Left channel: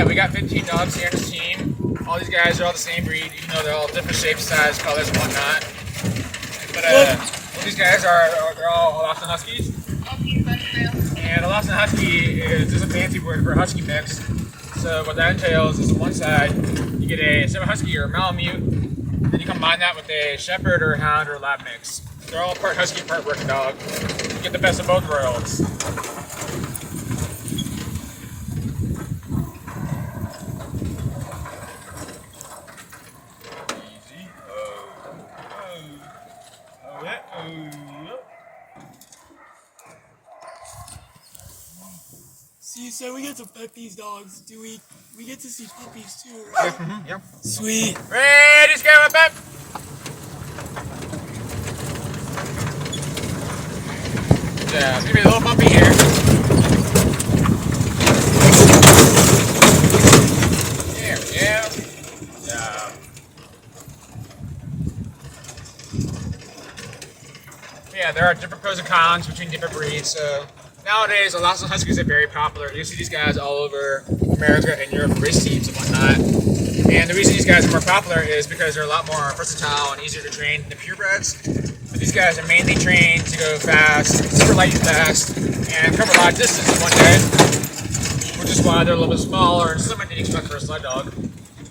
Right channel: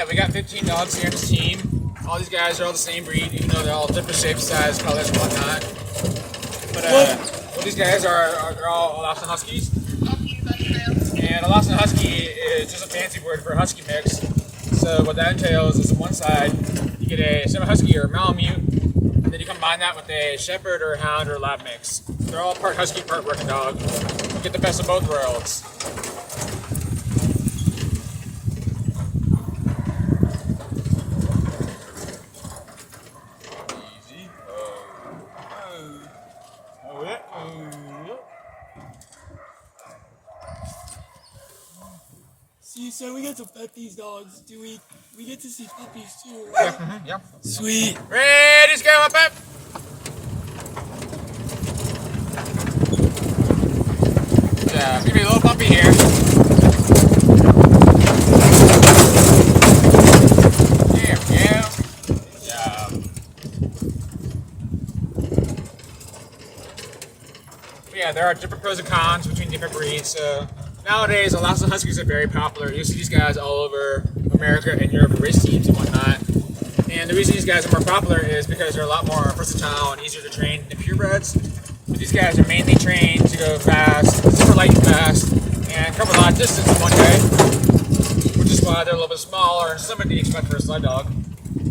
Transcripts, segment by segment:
yeah, we got 15 dogs here in this team. All these guys are all the same breed, even though they're all different shapes, size, colors, and whatnot. But all these guys they're all Alaskan Huskies. And Alaskan Husky is just a fancy word for a Husky mix. So what that entails is on one side, you get a semi-Husky or a Malamute, and then you combine that with a Shepherd or a Hound or a Lab mix. They're all part Husky, part working dog. You get the best of both worlds. See, so we get to pet these dogs. Do we? We get to see puppies too, right? Yeah. Yep. Sweet. Ready, just go up, up. Yeah, give me a little puppy here. There we go. Good job. Yeah, there are different pros and cons between different breeds. So nowadays, Alaskan Huskies are very popular. You see these guys all over America and Europe for race teams and whatnot. And the reason these guys are more popular is because they're a lot more versatile and easier to train than purebreds. But these guys are mainly trained to go fast, super light and fast, and cover a lot of distance in one day, which is why they're a little bit smaller and slimmer than you expect for a sled dog.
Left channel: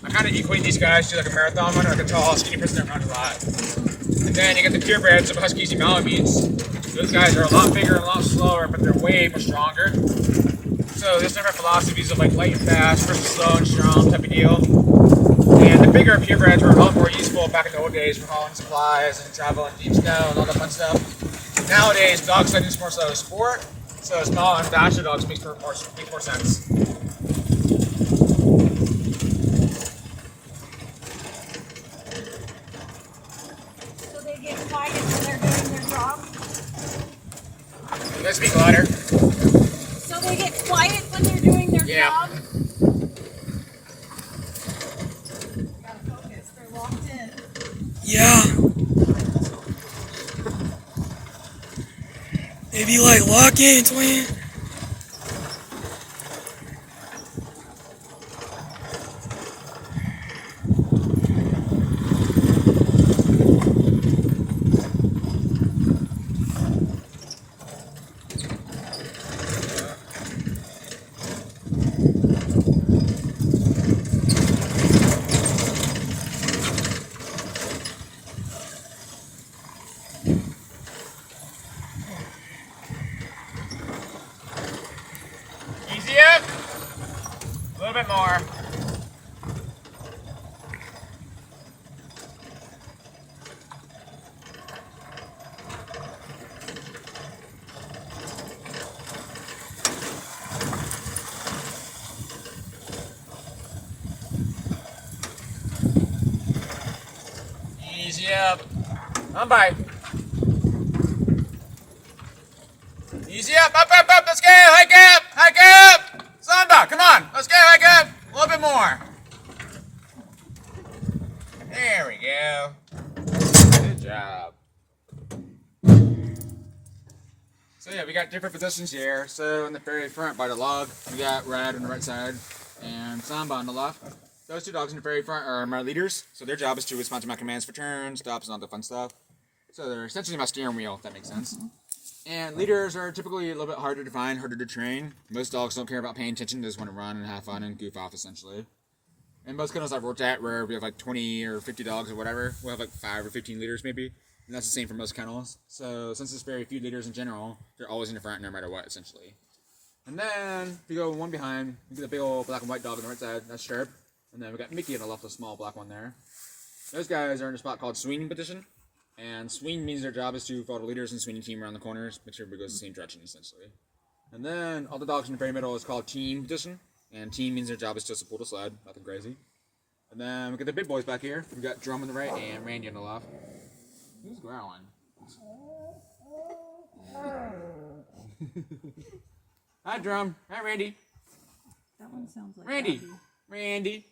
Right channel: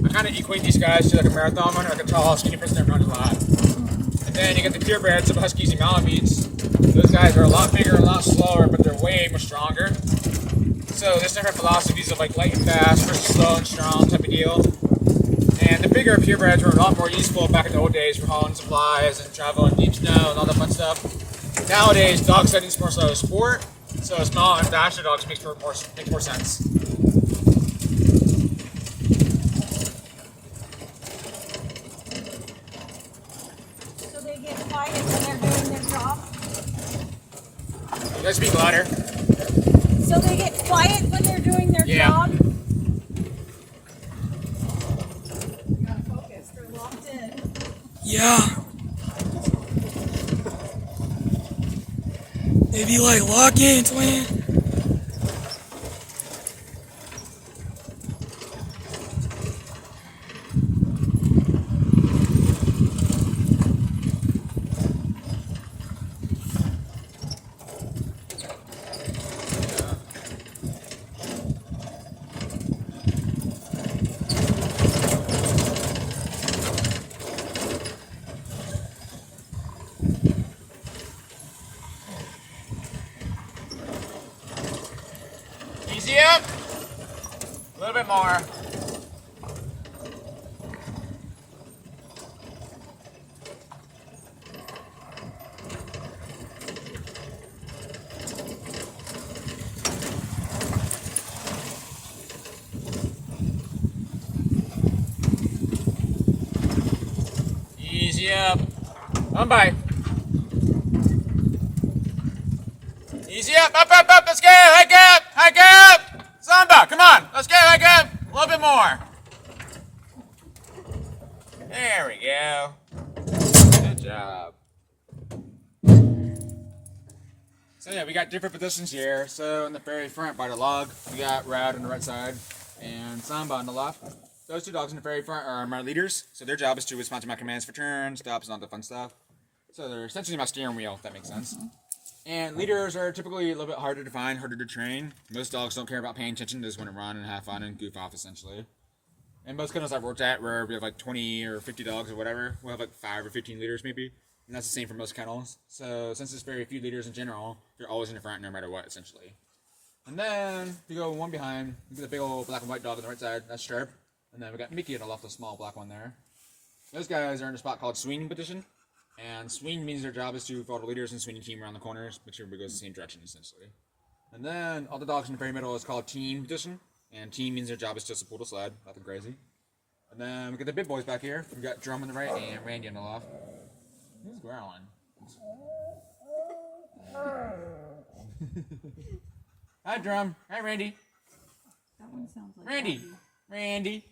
I kind of equate these guys to like a marathon runner, like a tall, skinny person that runs a lot. And then you get the purebreds of Huskies and Malamutes. Those guys are a lot bigger and a lot slower, but they're way more stronger. So there's different philosophies of like light and fast versus slow and strong type of deal. And the bigger purebreds were a lot more useful back in the old days for hauling supplies and traveling deep snow and all that fun stuff. Nowadays, dog sledding is more so a sport, so small and faster dogs makes more sense. So they get quiet when they're doing their job? You guys speak louder. So they get quiet when they're doing their job? Gotta focus, they're locked in. Yeah. They be like, lock in, twin. Easy up. A little bit more. Easy up. On by. Easy up, up, let's go, hike up, Samba, come on, let's go, hike up, a little bit more. There we go. Good job. So yeah, we got different positions here. So in the very front by the log, we got Rad on the right side and Samba on the left. Those two dogs in the very front are my leaders. So their job is to respond to my commands for turns, stops, and all the fun stuff. So they're essentially my steering wheel, if that makes sense. And leaders are typically a little bit harder to find, harder to train. Most dogs don't care about paying attention, they just want to run and have fun and goof off, essentially. And most kennels I've worked at, where we have like 20 or 50 dogs or whatever, we'll have like 5 or 15 leaders maybe. And that's the same for most kennels. So since there's very few leaders in general, they're always in the front no matter what, essentially. And then, if you go one behind, you get the big old black and white dog on the right side, that's Sharp. And then we got Mickey on the left, the small black one there. Those guys are in a spot called swinging position. And swing means their job is to follow the leaders and swinging team around the corners, make sure everybody goes the same direction, essentially. And then all the dogs in the very middle is called team position. And team means their job is just to pull the sled, nothing crazy. And then we got the big boys back here. We got Drum on the right and Randy on the left. Who's growling? Hi, Drum. Hi, Randy. That one sounds like Randy. Daddy. Randy.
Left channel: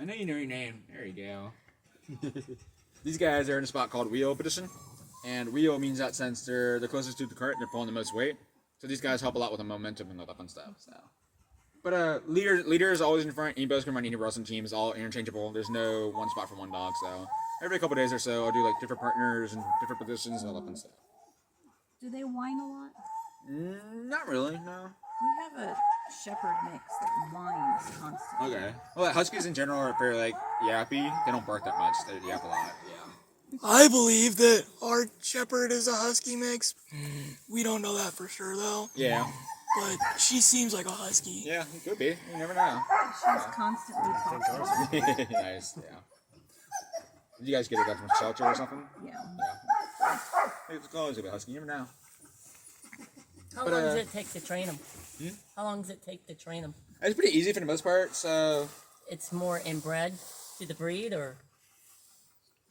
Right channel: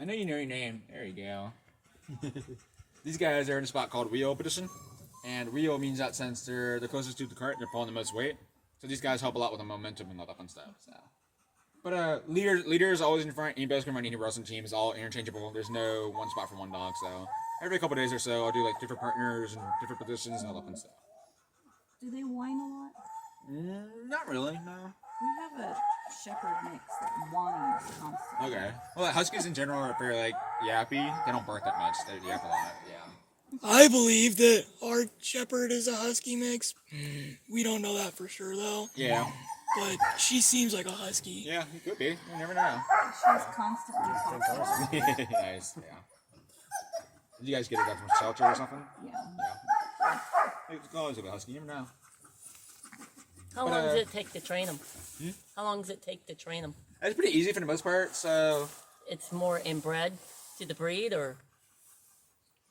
I know you know your name. There you go. These guys are in a spot called wheel position. And wheel means that since they're the closest to the cart, they're pulling the most weight. So these guys help a lot with the momentum and all that fun stuff. So But leader is always in front. Anybody can run any roles on the team. It's all interchangeable. There's no one spot for one dog. So every couple days or so, I'll do like different partners and different positions and all that fun stuff. Do they whine a lot? Not really, no. We have a shepherd mix that whines constantly. Okay. Well, huskies in general are very like yappy. They don't bark that much. They yap a lot. Yeah. I believe that our shepherd is a husky mix. We don't know that for sure though. Yeah. But she seems like a husky. Yeah, it could be. You never know. She's constantly talking. Nice. Yeah. Did you guys get it from a shelter or something? Yeah. Yeah. It's always a bit husky. You never know. How long does it take to train them? How long does it take to train them? It's pretty easy for the most part. So. It's more inbred to the breed, or?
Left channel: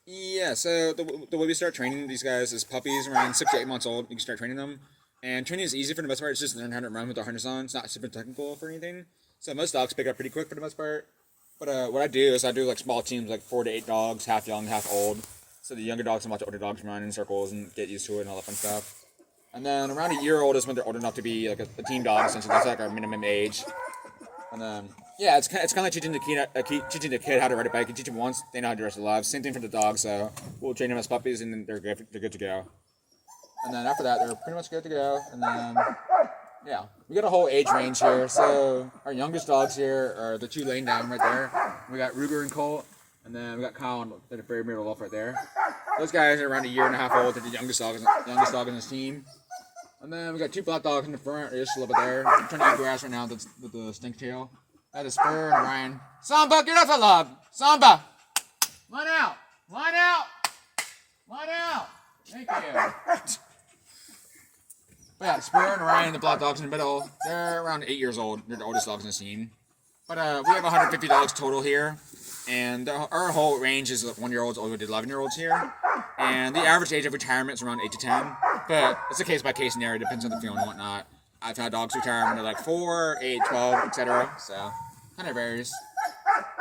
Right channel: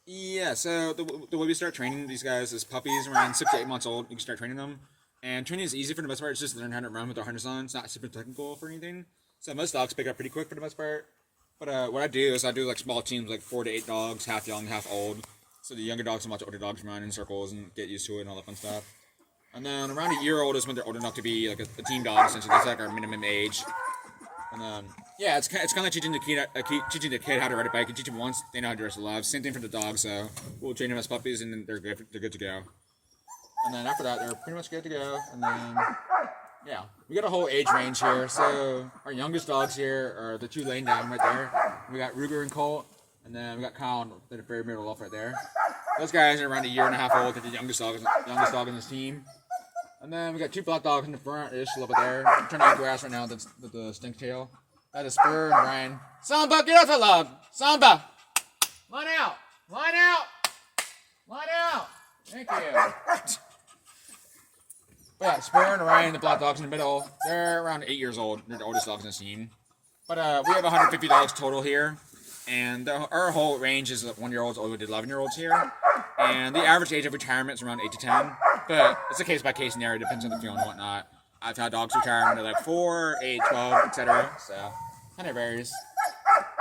Yeah. So the way we start training these guys is puppies around 6 to 8 months old. You can start training them. And training is easy for the most part. It's just learn how to run with their harness on. It's not super technical for anything. So most dogs pick up pretty quick for the most part. But what I do is I do like small teams, like 4 to 8 dogs, half young, half old. So the younger dogs can watch the older dogs run in circles and get used to it and all that fun stuff. And then around a year old is when they're old enough to be like a team dog, essentially. That's like our minimum age. And then, yeah, it's kind of like teaching the kid how to ride a bike. You teach them once, they know how to dress alive. Same thing for the dogs. So we'll train them as puppies, and then they're good to go. And then after that, they're pretty much good to go. And then, yeah, we got a whole age range here. So our youngest dogs here are the 2 laying down right there. We got Ruger and Colt, and then we got Kyle and the very middle off right there. Those guys are around a year and a half old. They're the youngest dog in this team. And then we got 2 black dogs in the front. They're just a little bit there. I'm trying to eat grass right now with the stink tail. That is Spur and Ryan. Samba, get off the log. Samba, line out, line out, line out. Thank you. But yeah, Spur and Ryan, the black dogs in the middle, they're around 8 years old. They're the oldest dogs in the team. But we have 150 dogs total here. And our whole range is 1-year-olds all the way to 11-year-olds here. And the average age of retirement is around 8 to 10. But it's a case-by-case scenario. It depends on the field and whatnot. I've had dogs retire when they're like 4, 8, 12, etc. So, kind of varies.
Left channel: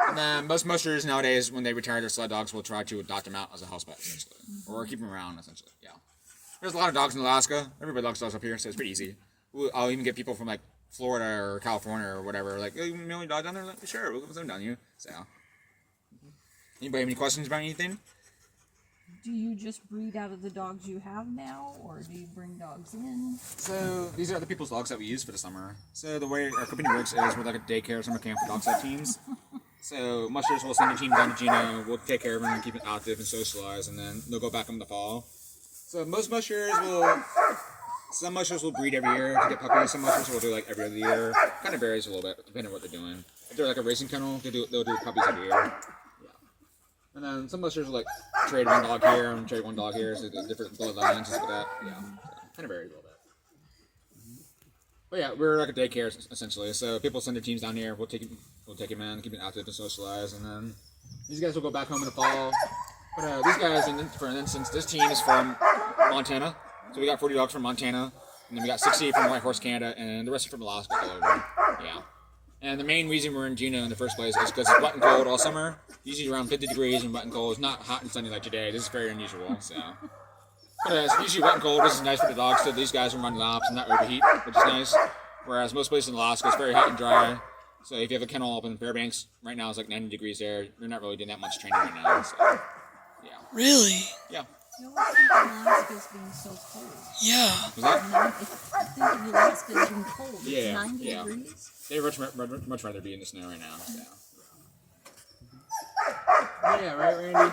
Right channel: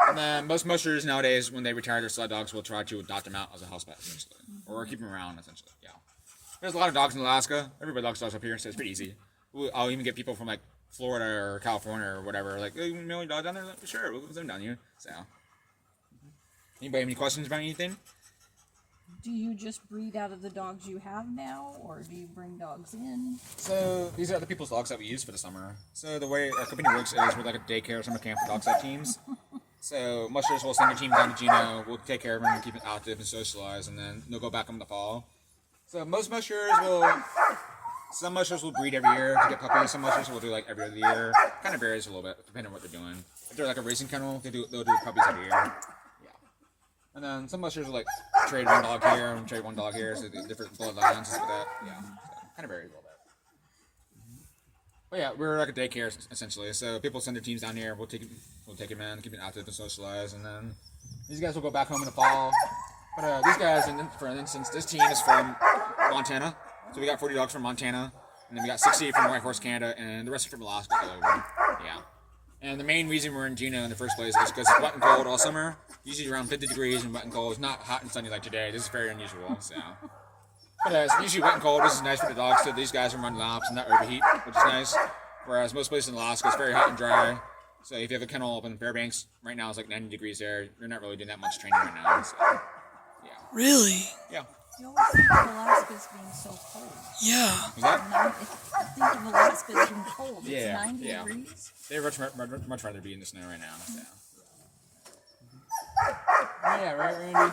And then most mushers nowadays, when they retire their sled dogs, will try to adopt them out as a house pet, essentially. Or keep them around, essentially. Yeah. There's a lot of dogs in Alaska. Everybody loves dogs up here, so it's pretty easy. I'll even get people from like Florida or California or whatever, like, hey, you mail your dog down there? Like, sure, we'll put them down here. So, anybody have any questions about anything? Do you just breed out of the dogs you have now, or do you bring dogs in? So these are the people's dogs that we use for the summer. So the way our company works is we're like a daycare summer camp for dog side teams. So mushers will send the team down to Juneau. We'll take care of them, keep them active and socialize, and then they'll go back in the fall. So some mushers will breed every year to get puppies. Some mushers will do like every other year. Kind of varies a little bit depending on what they're doing. If they're like a racing kennel, they'll do puppies every year. And then some mushers will like trade one dog here and trade one dog here, so different bloodlines and stuff like that. Yeah, so kind of varies a little bit. But yeah, we're like a daycare essentially. So people send their teams down here. We'll take them in, keep them active and socialize, and then these guys will go back home in the fall. But these guys, for instance, this team is from Montana. So we got 40 dogs from Montana, and then we got 60 from White Horse, Canada, and the rest are from Alaska. Yeah. And the main reason we're in Juneau in the first place is because it's wet and cold all summer. Usually around 50 degrees and wet and cold. It's not hot and sunny like today. This is very unusual. So, but it's usually wet and cold. This is nice for the dogs. So these guys can run laps and not overheat, which is nice. Whereas most places in Alaska, it's very hot and dry. So if you have a kennel up in Fairbanks, right now it's like 90 degrees there. You're not really doing that much training right now. So, yeah. Really? Yeah. You always think of Alaska as being so cold. Yeah. Was that? I think of Alaska as being cold. It's Yeah, 90 yeah. degrees. They'd much rather be in the snow right now. So. Yeah, right, Randy?